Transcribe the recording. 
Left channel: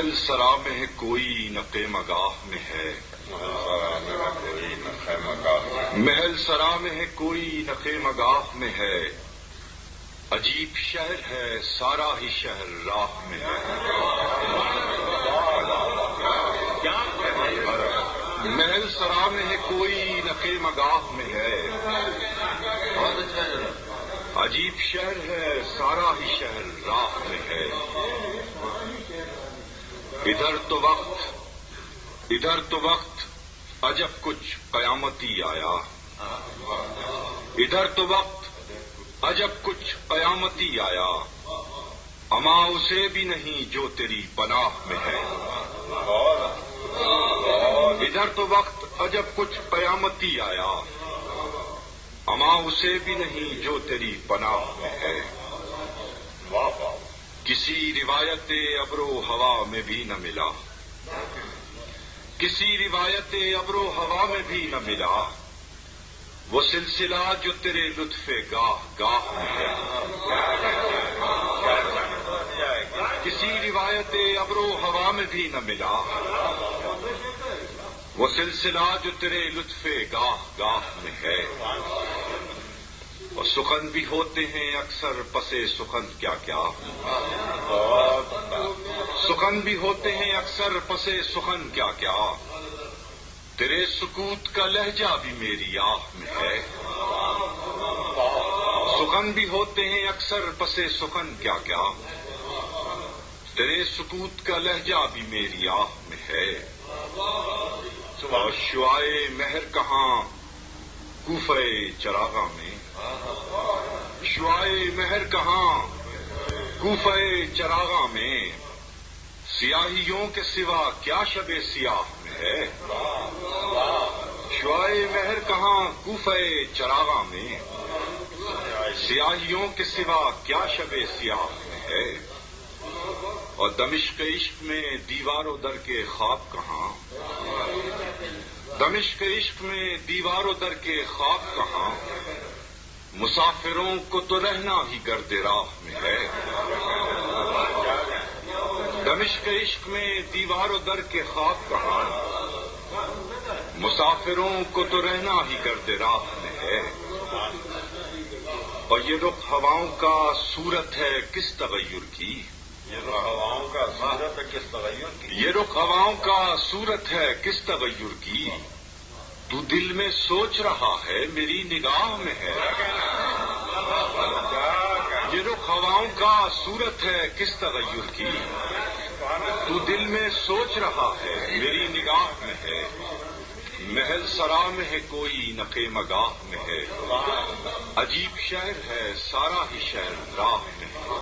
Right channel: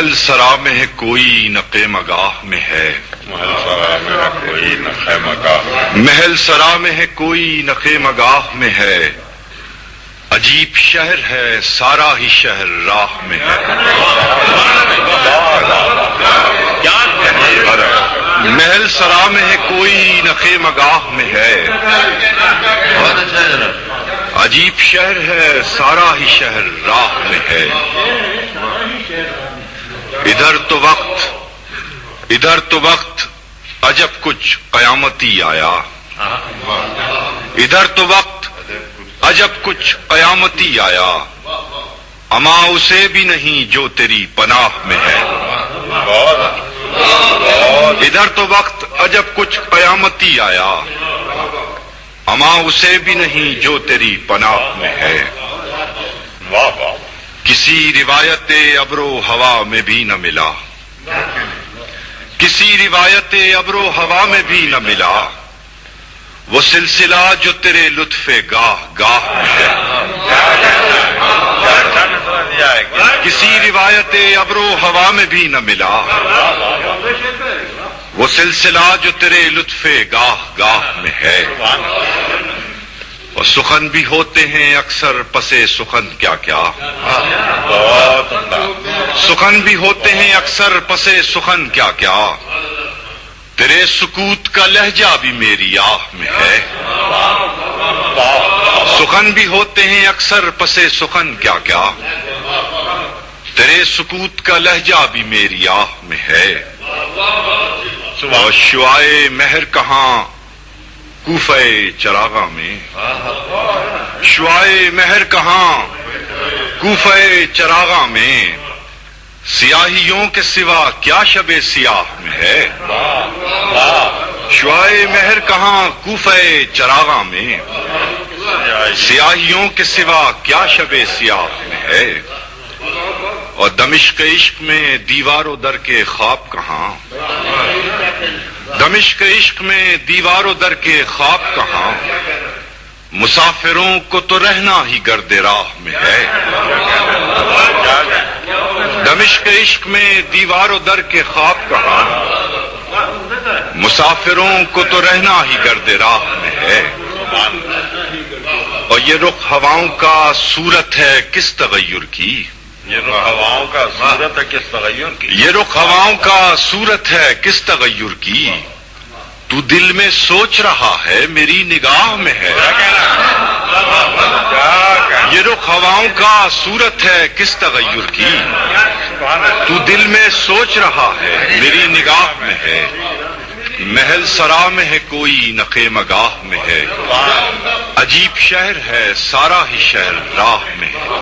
محل سرا میں ہے کوئی نقے مگاہ میں ہے، محل سرا میں ہے کوئی نقے مگاہ، محل سرا میں ہے کوئی نقے مگاہ میں ہے، عجیب شہر ہے سارا ہی شہر راہ میں ہے، محل سرا میں ہے کوئی نقے مگاہ میں ہے، عجیب شہر ہے سارا ہی شہر راہ میں ہے، ادھر تو وقت عجب کچھ قیامتی آیا، ادھر تو وقت عجب کچھ قیامتی آیا، اما اسے بھی نہیں جو تیری پناہ میں ہے، ادھر تو وقت عجب کچھ قیامتی آیا، اما اسے بھی نہیں جو تیری پناہ میں ہے، کسی روایت ابر و ہوا میں بھی نہ ملا، کسی روایت ابر و ہوا میں بھی نہ ملا، وہ سلسلہ جو تیرے لطف گاہ گاہ میں ہے، کسی روایت ابر و ہوا میں بھی نہ ملا، وہ سلسلہ جو تیرے لطف گاہ گاہ میں ہے، اور سخن بھی ہوتے ہیں اکثر پسے سخن کیا کیا، سخن بھی ہوتے ہیں اکثر پسے سخن کیا کیا، تیرے سکوت کا لہجہ بھی میری آہ میں ہے، سخن بھی ہوتے ہیں اکثر پسے سخن کیا کیا، تیرے سکوت کا لہجہ بھی میری آہ میں ہے، اور شعائے مہر کہاں کوفہ چراغاں میں، شعائے مہر کہاں کوفہ چراغاں میں، سیاہیوں کے سوا کیا شب سیاہ میں ہے، شعائے مہر کہاں کوفہ چراغاں میں، سیاہیوں کے سوا کیا شب سیاہ میں ہے، اور دمشق عشق میں دیوار و در کے خواب کہاں، دمشق عشق میں دیوار و در کے خواب کہاں، مسافروں کو تو رہنا ہی گرد راہ میں ہے، دمشق عشق میں دیوار و در کے خواب کہاں، مسافروں کو تو رہنا ہی گرد راہ میں ہے، اور یہ رخ ہواؤں کا صورت ہے کس تغیر کی، یہ رخ ہواؤں کا صورت ہے کس تغیر کی، یہ رخ ہواؤں کا صورت ہے کس تغیر کی، تو دل میں سوچ رہا ہے میری نگاہ میں ہے، یہ رخ ہواؤں کا صورت ہے کس تغیر کی، تو دل میں سوچ رہا ہے میری نگاہ میں ہے، محل سرا میں ہے کوئی نقے مگاہ میں ہے، عجیب شہر ہے سارا ہی شہر راہ میں ہے۔